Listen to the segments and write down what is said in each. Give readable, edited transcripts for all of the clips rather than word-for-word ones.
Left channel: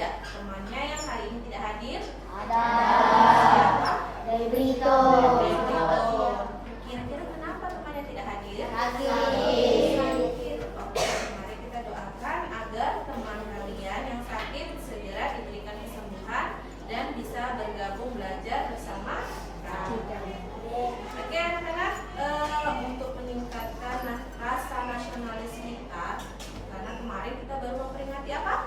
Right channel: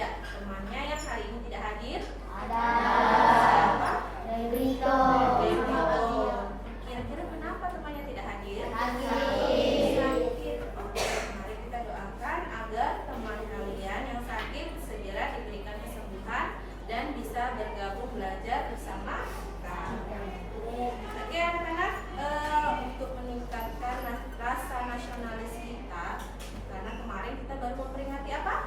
tidak temannya yang hari ini tidak hadir? Ada. Siapa? Debrito. Kira-kira kenapa temannya tidak hadir? Sakit. Oke, mari kita doakan agar teman kalian yang sakit segera diberikan kesembuhan dan bisa bergabung belajar bersama kita. Oke anak-anak, untuk meningkatkan rasa nasionalis kita, karena kemarin kita baru memperingati apa?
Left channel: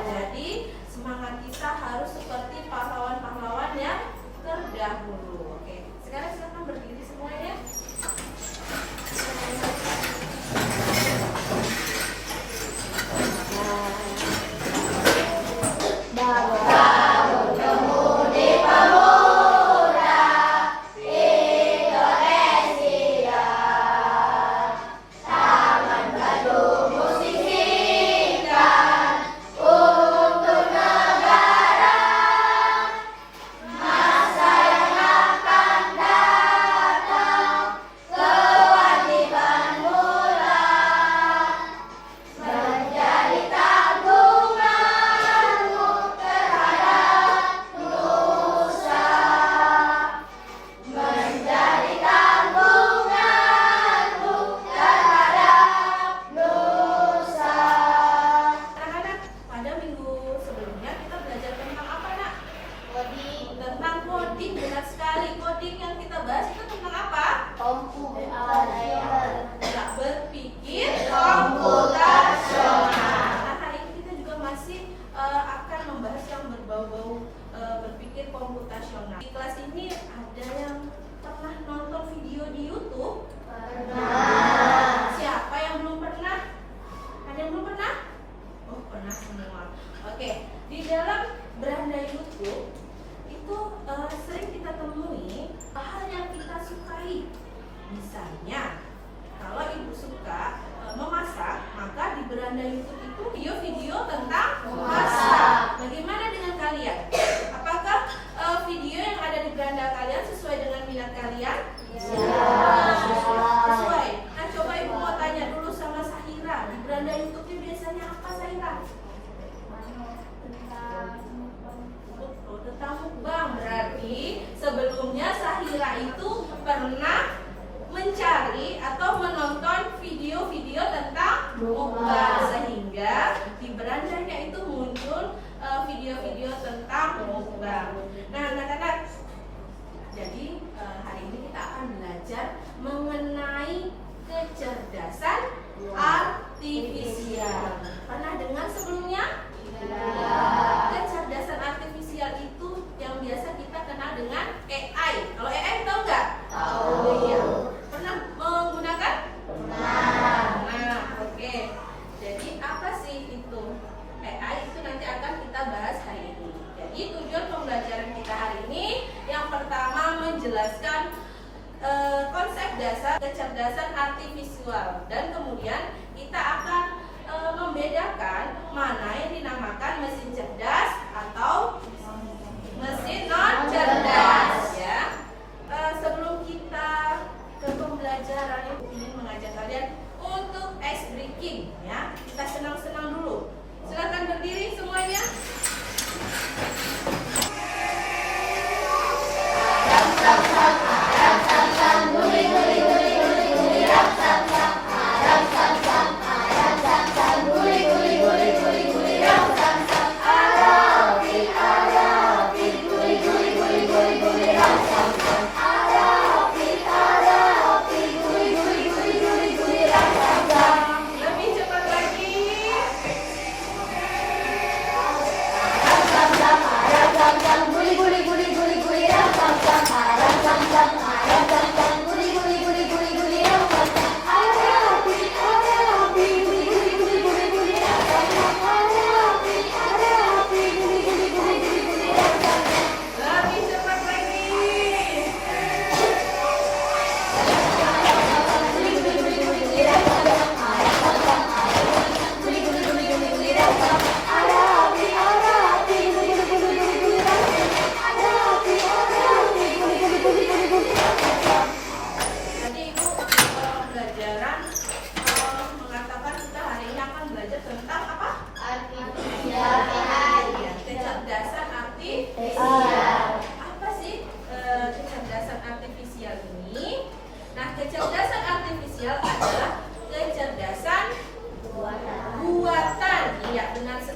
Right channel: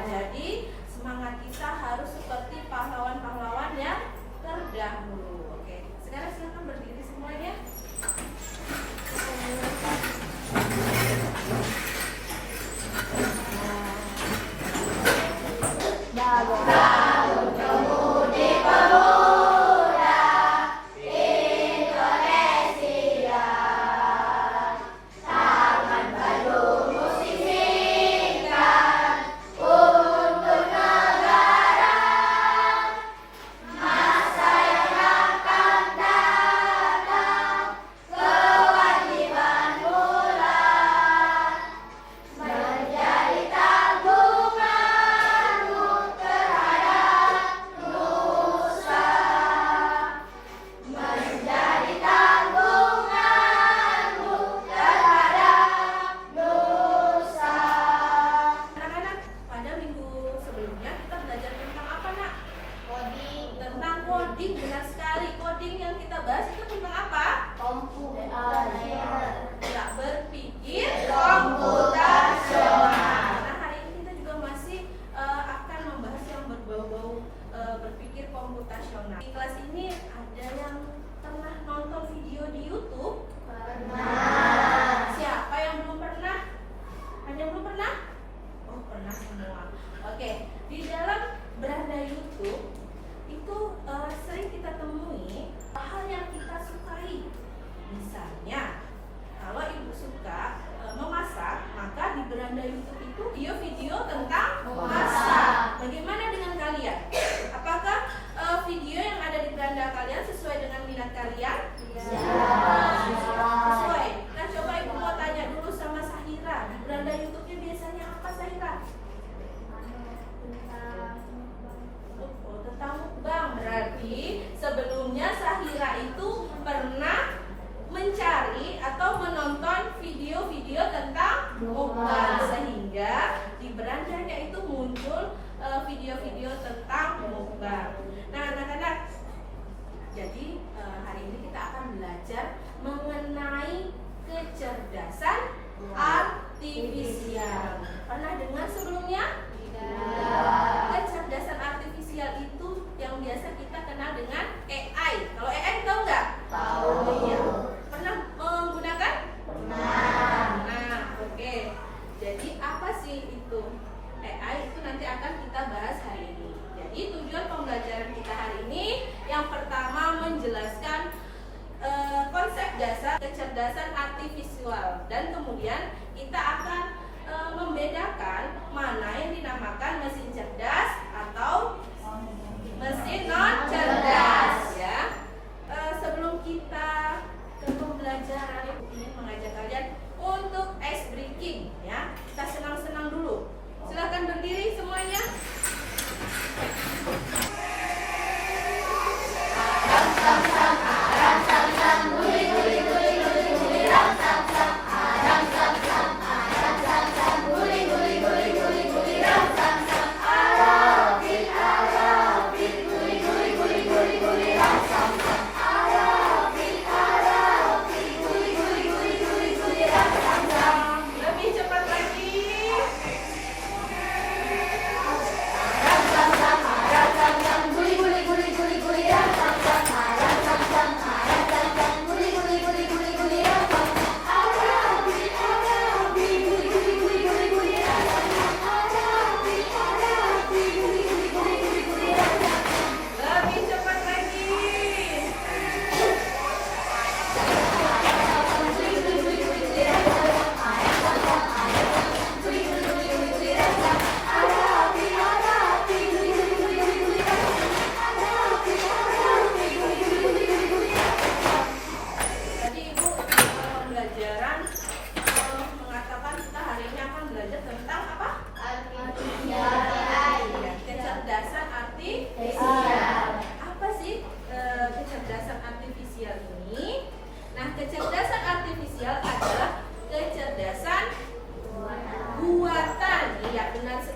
Jadi semangat kita harus seperti pahlawan-pahlawan yang terdahulu. Oke, sekarang silakan berdiri semuanya. Coding, benar sekali. Coding yang kita bahas itu tentang apa? Komputer. Tidak berpikir komputasional. Nah, hari ini kita juga masih akan membahas yang berbau-bau berpikir komputasional. Di kelas ini ada yang pernah nonton video di YouTube? Pernah. Siapa yang belum pernah? Ada yang belum pernah? Oh, pernah semua. Oke, di dalam beranda YouTube itu sering kita temui hal yang kita sukai. Misalnya, kalau ibu suka memasak, maka di beranda YouTube itu video-video tentang masak. Bagaimana dengan kalian? Apakah video yang ada di beranda kalian sesuai dengan minat kalian? Sesuai. Nah, coba ibu mau tanya dulu sama Sahira. Di beranda YouTube-nya biasanya apa, Sahira? Tentang mukbang. Berarti sebelumnya Sahira itu pernah mencari atau menonton video-video tentang mukbang, sehingga di berandanya itu muncul video-video tentang mukbang. Nah, anak-anak, jadi hari ini kita akan belajar mengenai kecerdasan artifisial. Pernah dengar sebelumnya? Kecerdasan artifisial itu yang biasa kita kenal dengan AI. Kalau AI tahu nggak? Tahu. Iya. Pernah menggunakan? Pernah. Nah, oke. Jadi apa sih itu? AI itu nanti akan kita bahas hari ini. Jadi tujuan pembelajaran kita hari ini yang pertama menjelaskan konsep dasar kecerdasan artifisial, dan kemudian kita akan membedakan mana yang dinamakan mesin cerdas atau mesin non cerdas, ya. Sebelum kita ke pembelajaran, ibu ingin mengajak kalian untuk ice breaking, ya. Kita senang-senang dulu. Silakan berdiri semuanya. Guli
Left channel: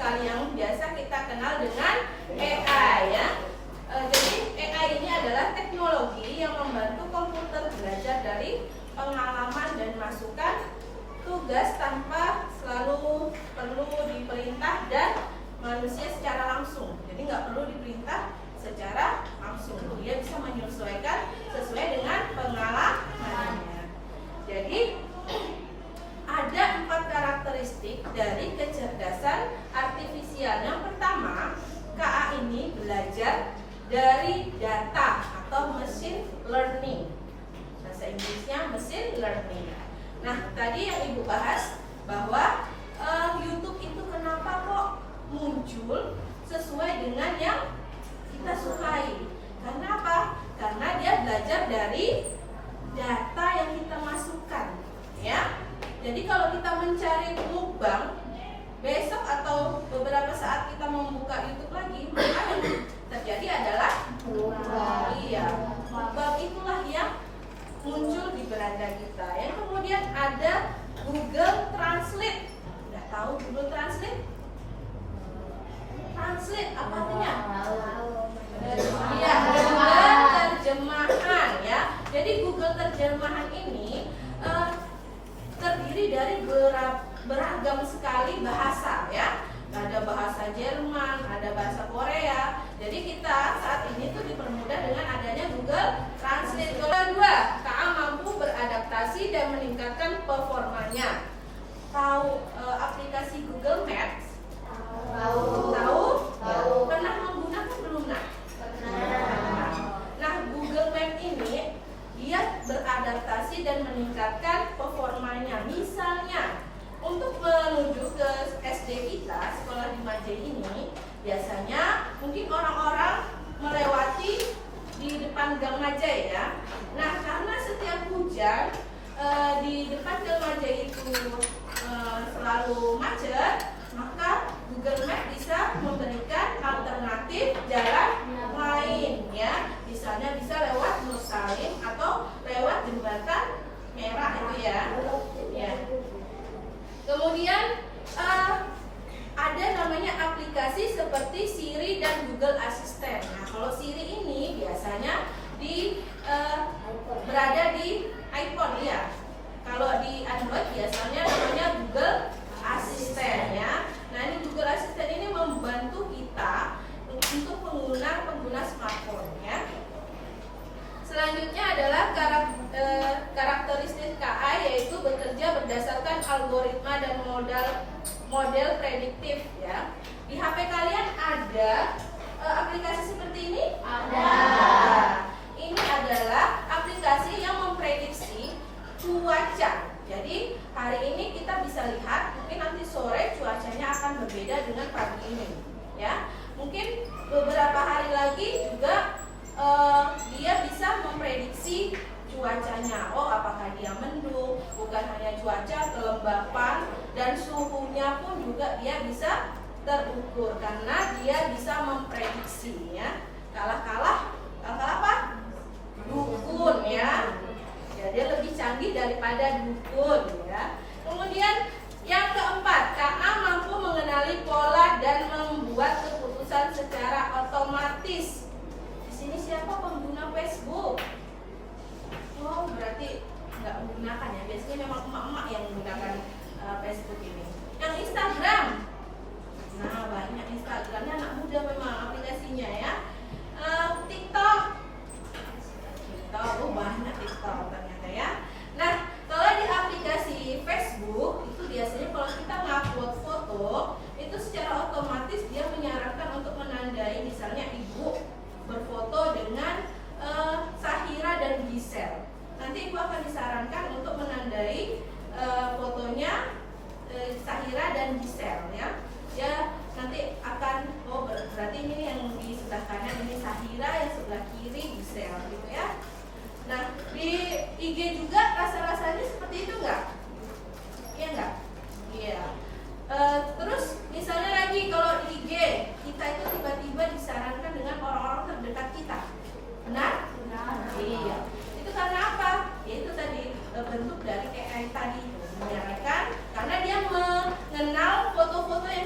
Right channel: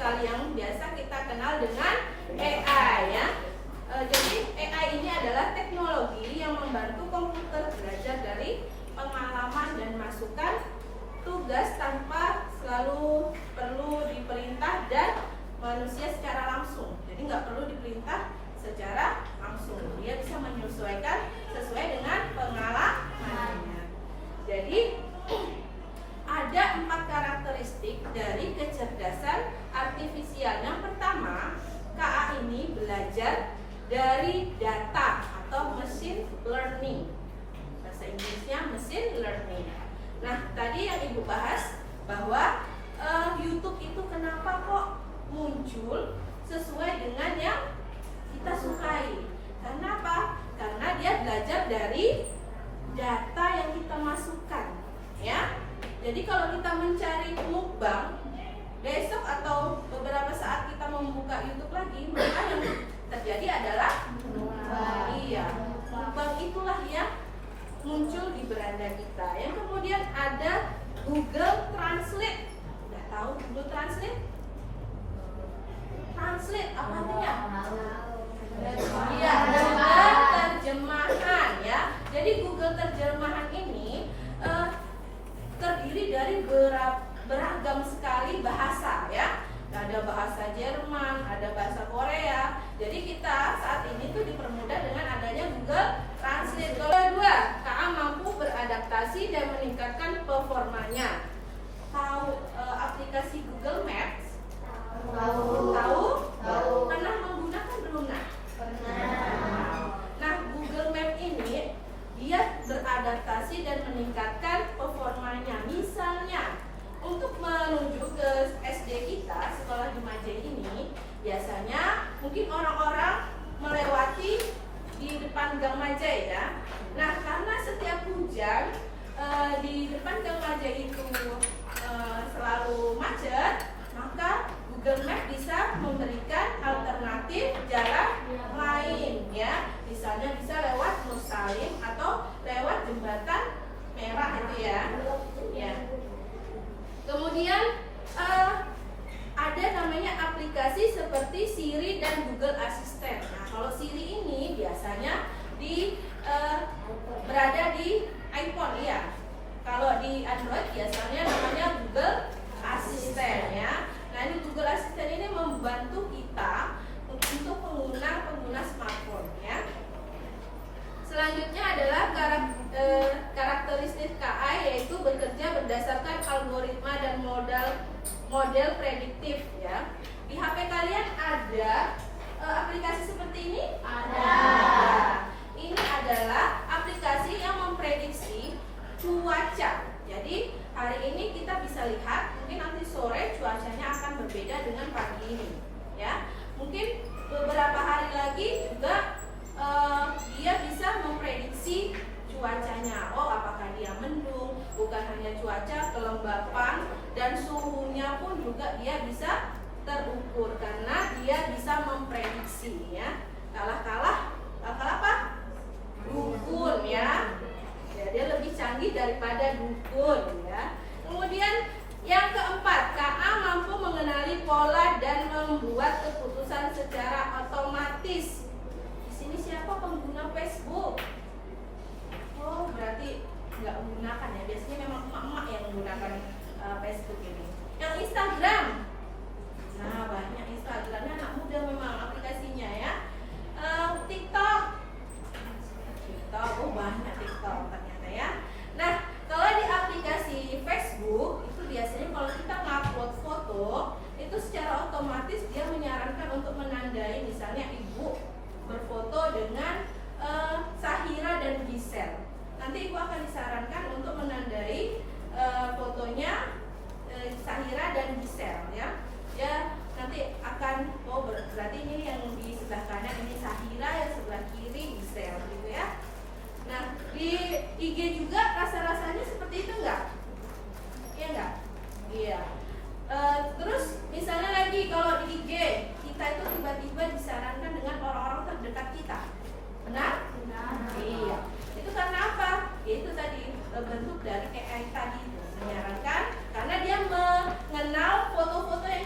sekali yang biasa kita kenal dengan AI ya. Jadi AI ini adalah teknologi yang membantu komputer belajar dari pengalaman dan masukan tugas tanpa selalu perlu diperintah dan manusia secara langsung. Jadi nggak perlu diperintah secara langsung. Dia bisa menyesuaikan sesuai dengan pengalamannya. Jadi ada 4 karakteristik dari kecerdasan artifisial. Yang pertama, KA ini belajar dari data atau machine learning. Bahasa Inggrisnya machine learning. Nah, tadi yang Ibu bahas bahwa YouTube itu kenapa kok muncul sesuai dengan yang kita sukai. Karena apa? Karena dia belajar dari data yang kita masukkan, ya. Jadi kalau kita mencari mukbang, besok atau beberapa saat kita membuka YouTube lagi, maka yang terjadi adalah mukbang itulah yang muncul di beranda kita. Yang kemudian ada Google Translate. Nggak tahu Google Translate? Translate apa artinya? Iya, Google terjemahan ya. Jadi Google terjemahan ini terdiri dari beragam sekali bahasa ya. Ada bahasa Jerman, ada bahasa Korea. Jadi kita saat ini tuh dipermudah dengan adanya Google Translate. Kedua, KA mampu beradaptasi dan meningkatkan performanya. Tahu aplikasi Google Maps? Tahu? Pernah menggunakan belum nak? Nah, Google Maps ini dia beradaptasi dan meningkatkan performanya. Misalnya, untuk menuju ke SD kita, sekolah di Majai ini, biasanya mungkin orang-orang melewati di depan Gang Majai ya. Nah, karena setiap hujan di depan Gang Majai itu selalu macet, maka Google Maps bisa memberikan alternatif jalan lain ya. Misalnya bisa lewat Musalim atau lewat jembatan merah itu ya. Kemudian ada namanya aplikasi seperti Siri dan Google Assistant. Nah, kalau Siri ini biasanya berada di iPhone ya. Kalau di Android biasanya namanya Google Assistant ya. Nah, ini Google Assistant ini membantu kita untuk pengguna smartphone ya. Selanjutnya adalah karakteristik KA, yaitu bekerja berdasarkan algoritma dan model prediktif ya. Di HP kalian ada aplikasi seperti ini? Ada. Ini adalah aplikasi yang memprediksi cuaca. Jadi hari ini kita bisa lihat, mungkin nanti sore cuacanya akan berbeda dengan pagi ini ya. Mungkin beberapa hari lagi juga dia bisa memprediksi cuacanya. Oh, apakah dia mendung? Bukan hanya cuaca, kelembapan dan suhunya pun juga dia bisa terukur karena dia bisa memprediksi ya. Kalah apa? Dukun ya. Ya, dia lebih canggih daripada dukun ya. Kemudian yang keempat, KA mampu mengenali pola dan membuat keputusan secara otomatis. Ini siapa pengguna Facebook? Oh, berarti nggak menggunakan ya. Biasanya memang emak-emak yang menggunakan Facebook ini. Yang Instagram, nah banyak Instagramnya anak muda memang aplikasinya ya. TikTok, oh banyak TikTok ternyata ya. Nah, kalau di aplikasi Facebook itu biasanya kalau kita ngupload foto itu secara otomatis dia menyarankan untuk menandai, misalnya ibu berfoto dengan Sahira dan Gisel. Nanti ibu akan disarankan untuk menandai fotonya Sahira dan Gisel ya. Ya nanti akan berarti ini yang di sebelah kanan ini Sahira, yang sebelah kiri Gisel gitu ya. Nah di IG juga rasa-rasanya seperti itu enggak? Iya enggak? Iya. Terus misalnya lagi kalau di IG kita itu tiba-tiba disarankan dengan orang-orang terdekat kita, benar? Benar. Iya. Itu karena apa? Yaitu tadi bentuk dari AI tadi menyarankan karena dia mengenal foto-foto yang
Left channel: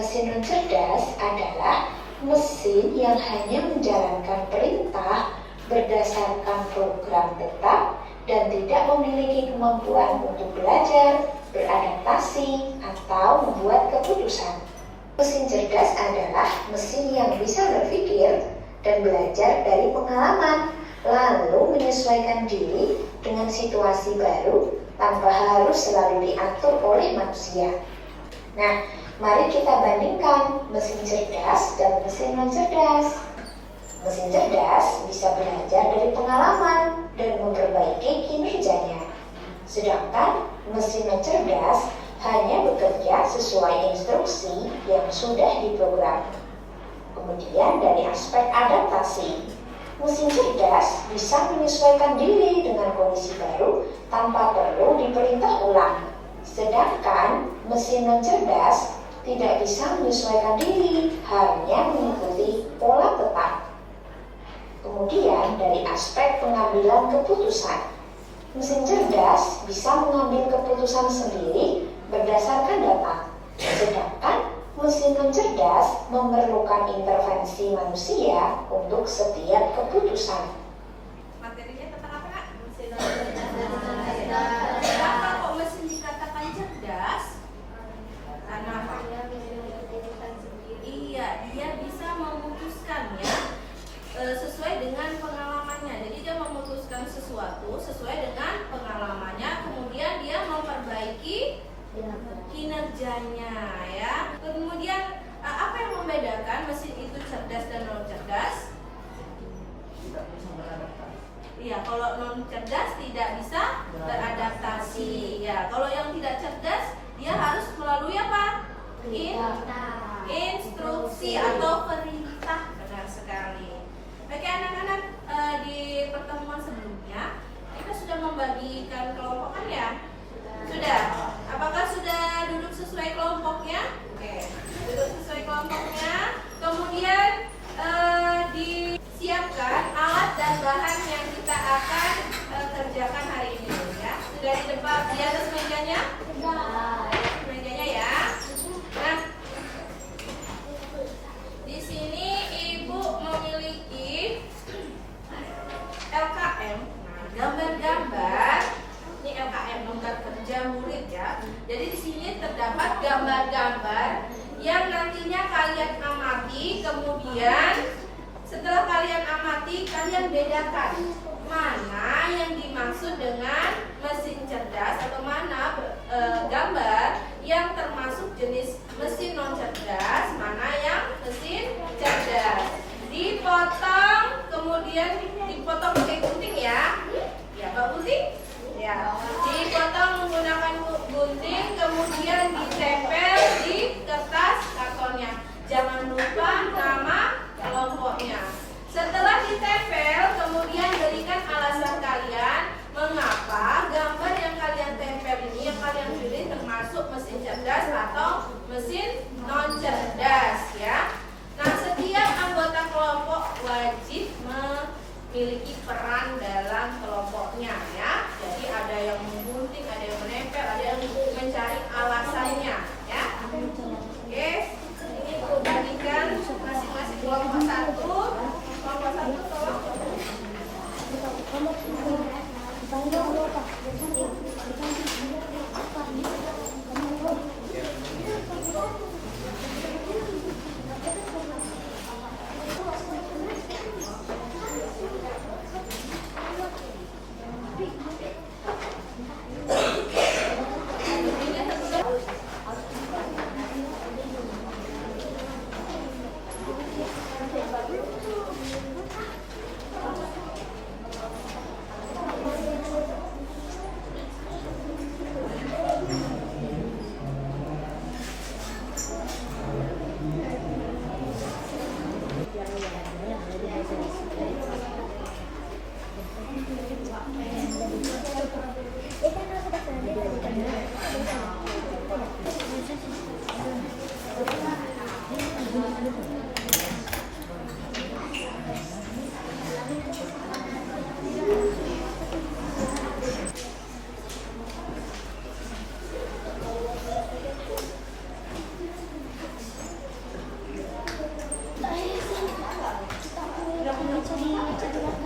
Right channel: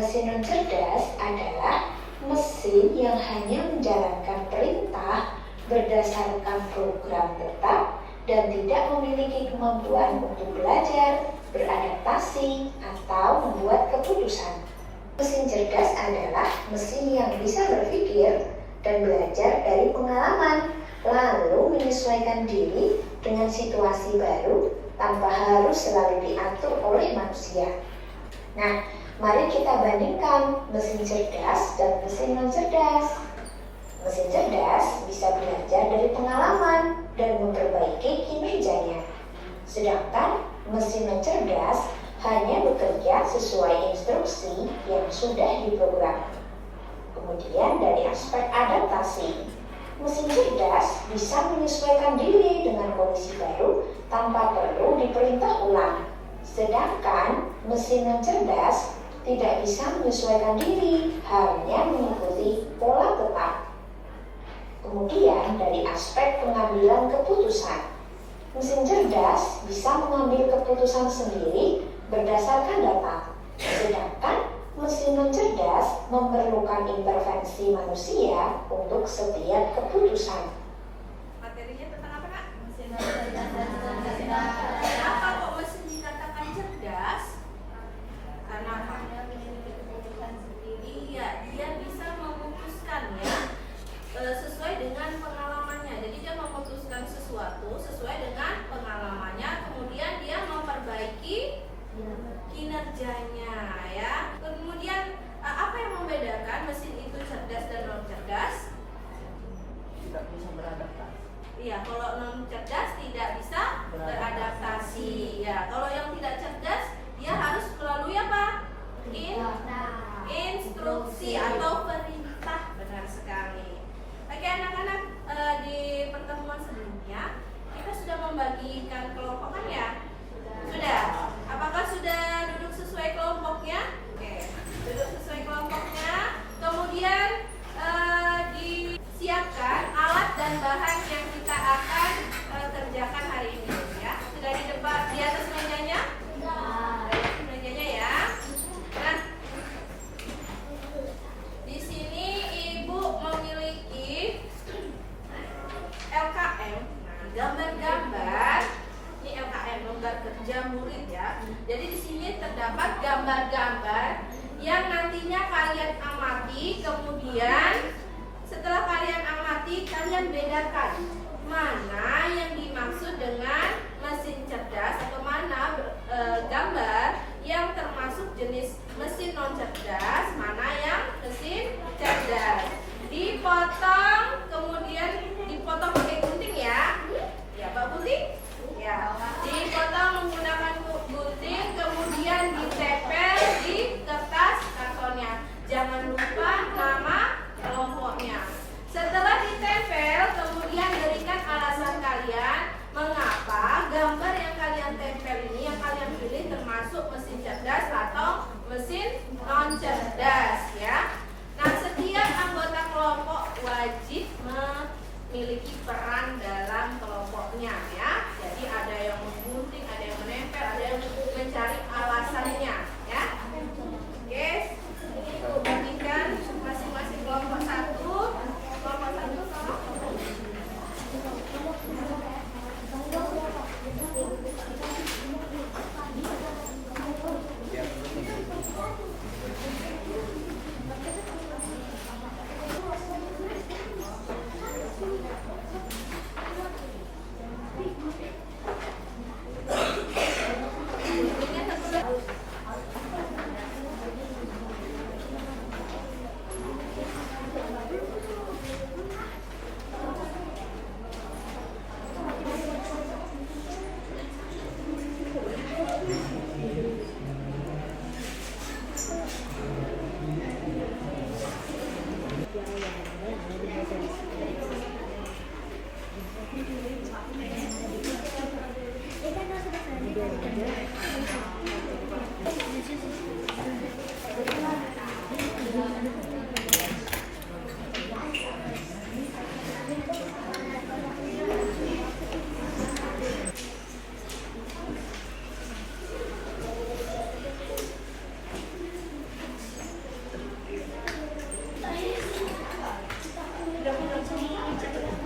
Mesin non cerdas adalah mesin yang hanya menjalankan perintah berdasarkan program tetap dan tidak memiliki kemampuan untuk belajar, beradaptasi, atau membuat keputusan. Mesin cerdas adalah mesin yang bisa berpikir dan belajar dari pengalaman, lalu menyesuaikan diri dengan situasi baru tanpa harus selalu diatur oleh manusia. Nah, mari kita bandingkan mesin cerdas dan mesin non cerdas. Mesin cerdas bisa belajar dari pengalaman dan memperbaiki kinerjanya. Sedangkan mesin non cerdas hanya bekerja sesuai instruksi yang sudah diprogram. Kemudian dari aspek adaptasi, mesin cerdas bisa menyesuaikan diri dengan kondisi baru tanpa perlu diperintah ulang. Sedangkan mesin non cerdas tidak bisa menyesuaikan diri, hanya mengikuti pola tetap. Kemudian dari aspek pengambilan keputusan, mesin cerdas bisa mengambil keputusan sendiri berdasarkan data. Sedangkan mesin non cerdas memerlukan intervensi manusia untuk setiap keputusan. Materinya tentang apa, Kak? Mesin non cerdas. Kenapa kok mesin dikatakan cerdas? Karena apa? Iya, dia bisa memutuskan ya sesuai dengan pengalamannya. Jadi dia memutuskan sesuatu sesuai dengan pengalamannya, kemudian dia memperbaiki kinerjanya ya. Kemudian apa yang membedakan mesin itu cerdas dan non cerdas? Tidak bisa beradaptasi. Iya, kalau non cerdas tidak bisa beradaptasi. Ya, kalau yang tidak cerdas dia harus melalui apa? Instruksi atau perintah. Benar sekali. Oke anak-anak, di pertemuan sebelumnya kita sudah membagikan kelompok kan ya? Sudah. Apakah sudah duduk sesuai kelompoknya? Oke, duduk sesuai kelompoknya. Kemudian disiapkan alat dan bahan yang kita akan kerjakan hari ini ya. Sudah di depan di atas mejanya? Sudah. Di atas mejanya ya. Nah, di sini Ibu memiliki LKM, gambar-gambar. Ini LKM, lembar kerja murid ya. Jadi di sini terdapat gambar-gambar yang nantinya kalian amati. Kemudian setelah kalian amati, kalian bedakan mana yang dimaksud dengan mesin cerdas atau mana gambar yang termasuk jenis mesin non cerdas, mana yang mesin cerdas. Dipotong, kemudian dipotong pakai gunting ya. Ya, Pak gunting? Ya. Dipotong menggunakan gunting, kemudian ditempel di kertas kartonnya. Jangan lupa nama kelompoknya. Setelah ditempel, kemudian berikan alasan kalian mengapa gambar yang kalian tempel ini, yang kalian pilih termasuk mesin cerdas atau mesin non cerdas ya. Nah, setiap anggota kelompok wajib memiliki peran dalam kelompoknya ya. Jadi ada yang menggunting, ada yang menempel, ada yang mencari alasannya ya. Oke, ini Bu bagikan masing-masing kelompok satu. Kelompok satu tolong.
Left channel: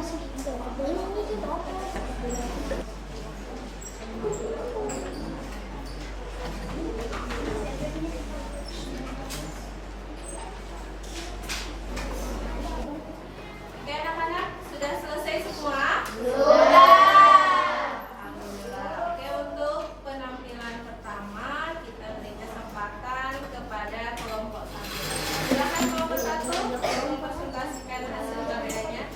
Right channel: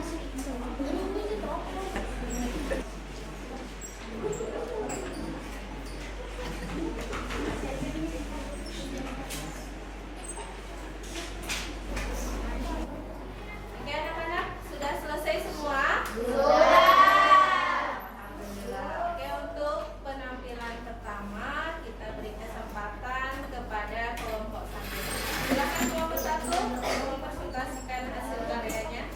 Oke anak-anak, sudah selesai semua? Alhamdulillah. Oke, untuk penampilan pertama kita beri kesempatan kepada kelompok 1. Silakan kelompok 1 mempresentasikan hasil karyanya.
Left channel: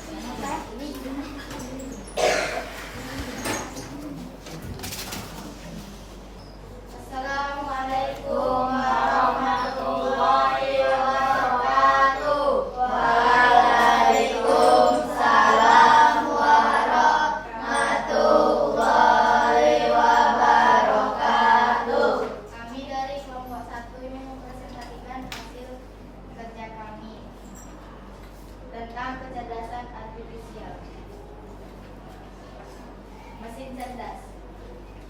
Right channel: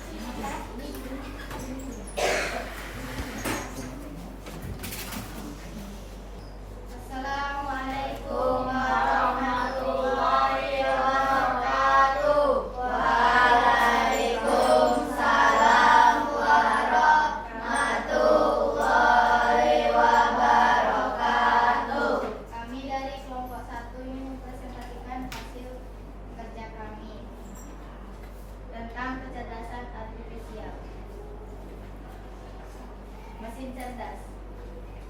Assalamualaikum warahmatullahi wabarakatuh. Waalaikumsalam warahmatullahi wabarakatuh. Kami dari kelompok 1 ingin mempresentasikan hasil kerja kami tentang kecerdasan artifisial. Mesin cerdas.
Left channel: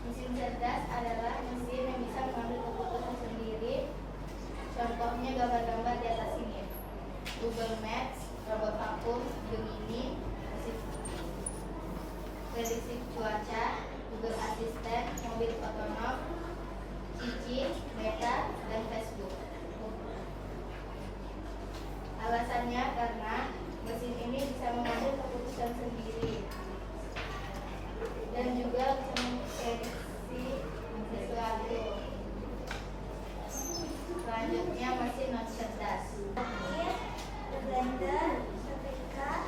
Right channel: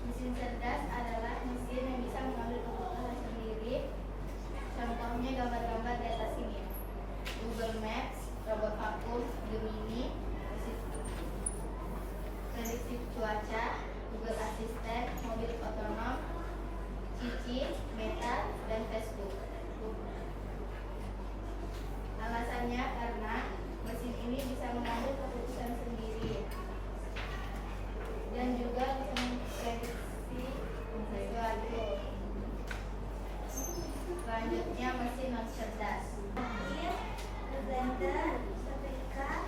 Mesin cerdas adalah mesin yang bisa mengambil keputusan sendiri. Contohnya gambar-gambar di atas ini. Google Maps, robot vakum, Gemini, prediksi cuaca, Google Assistant, mobil otonom, Cici, Meta, dan Facebook. Alasannya karena mesin ini bisa mengambil keputusan sendiri dan juga bisa memprediksi sesuatu. Selanjutnya mesin non cerdas. Blender, setrika,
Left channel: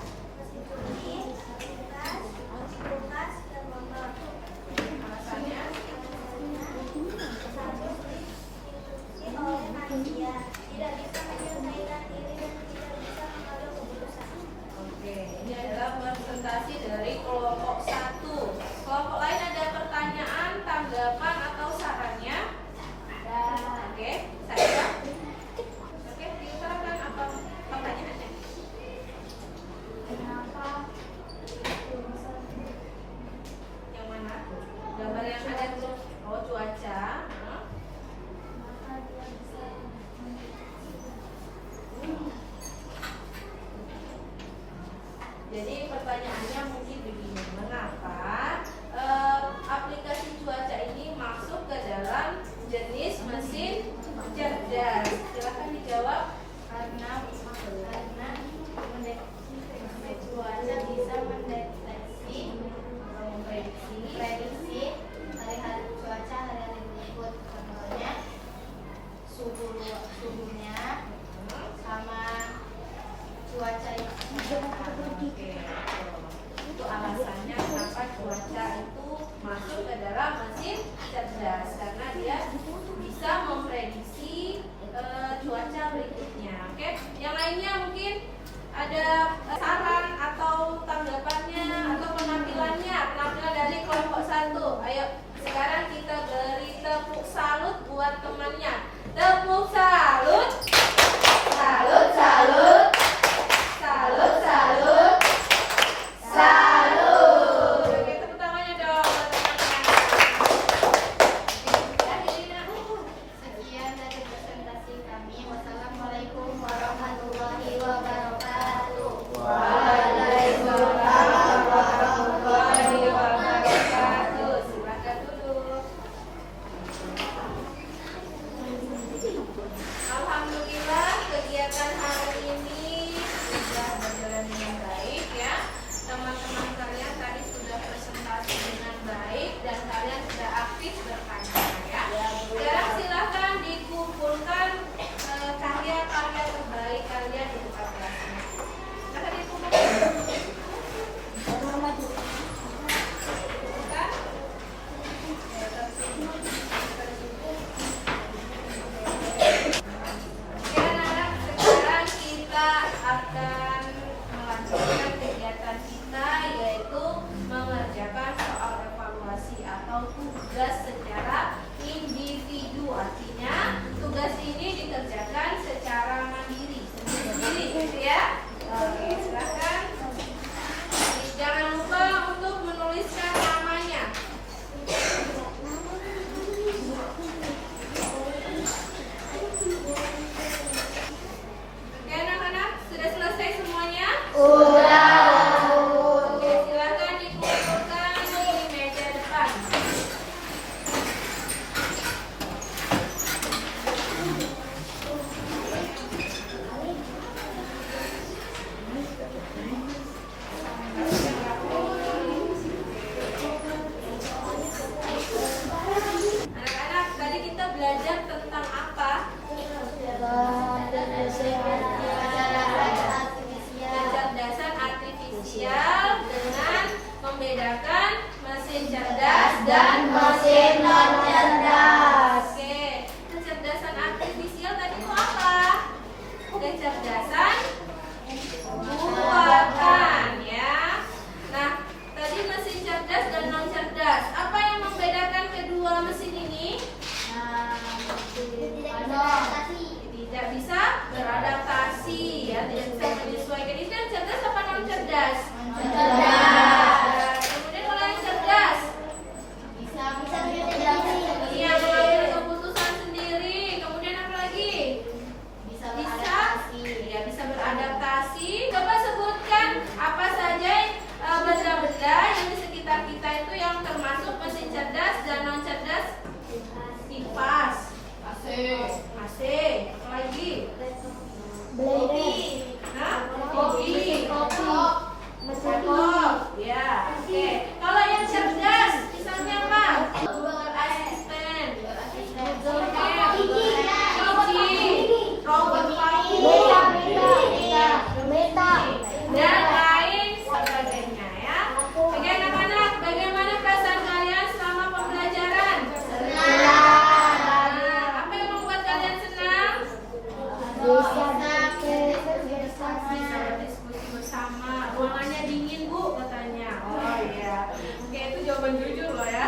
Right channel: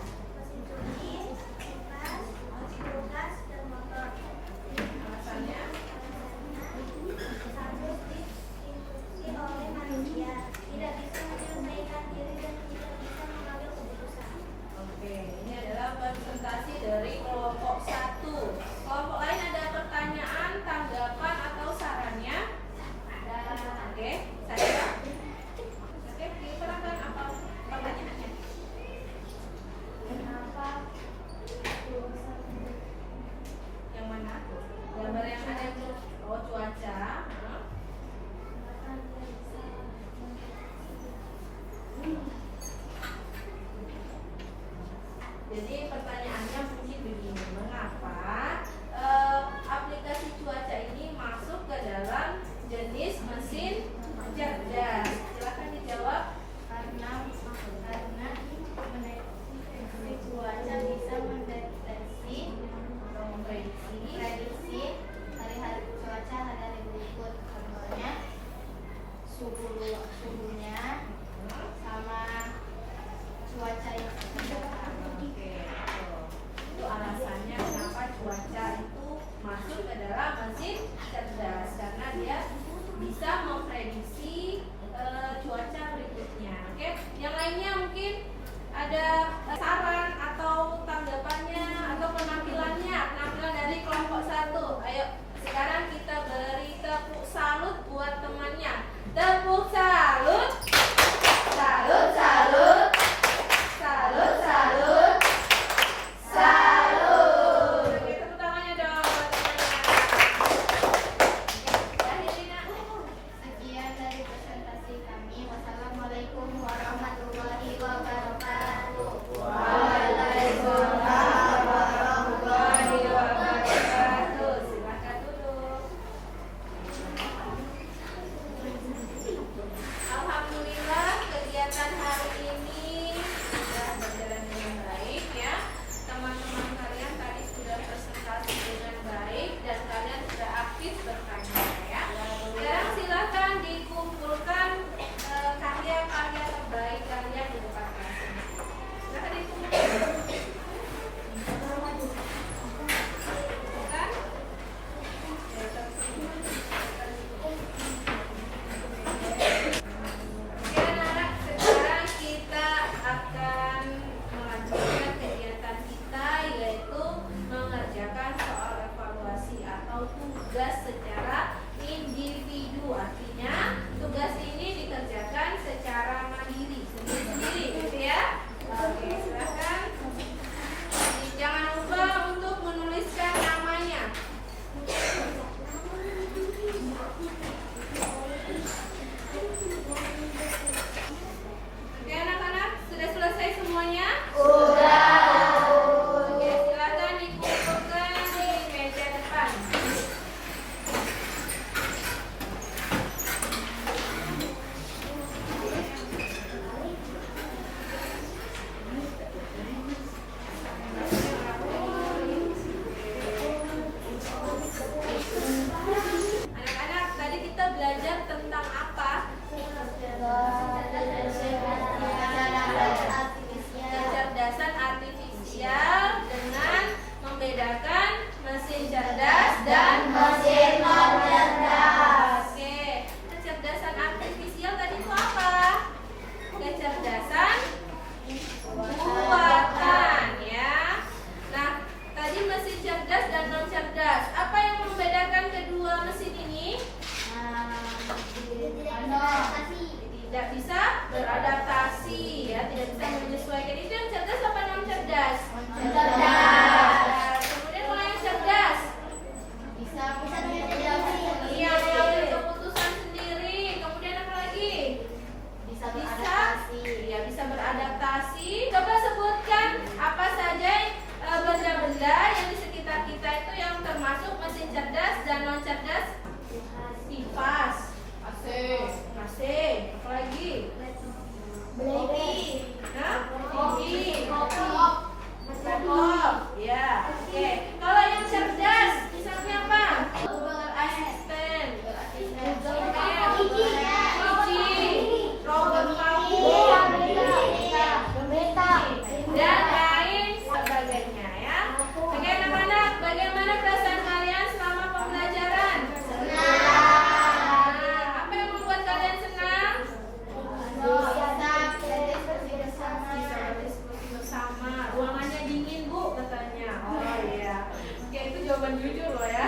bukan jujur loh ya.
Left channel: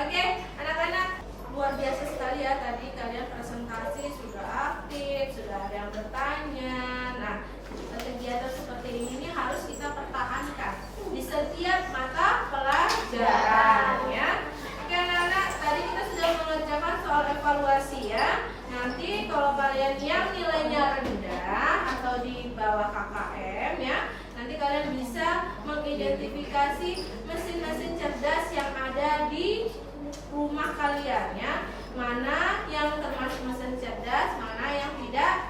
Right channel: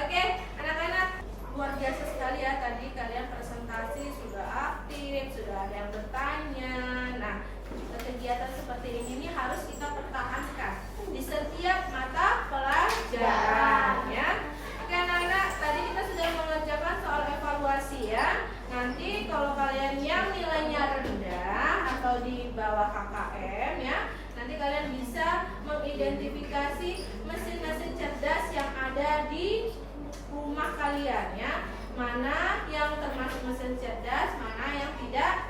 Oke, anak-anak, luar biasa sekali ya, tadi kalian presentasi sudah aktif, sudah ada yang bertanya. Nah, kegiatan seperti ini harus kita pertahankan di setiap mata pelajaran ya. Oke anak-anak, tadi kita sudah mengerjakan soal evaluasi ya. Nanti kalau kalian yang nilainya rendah atau di bawah KKM ya, nanti kalian bisa mengidentifikasi mesin-mesin cerdas yang ada di rumah kalian ya. Mana yang termasuk mesin cerdas, mana yang tidak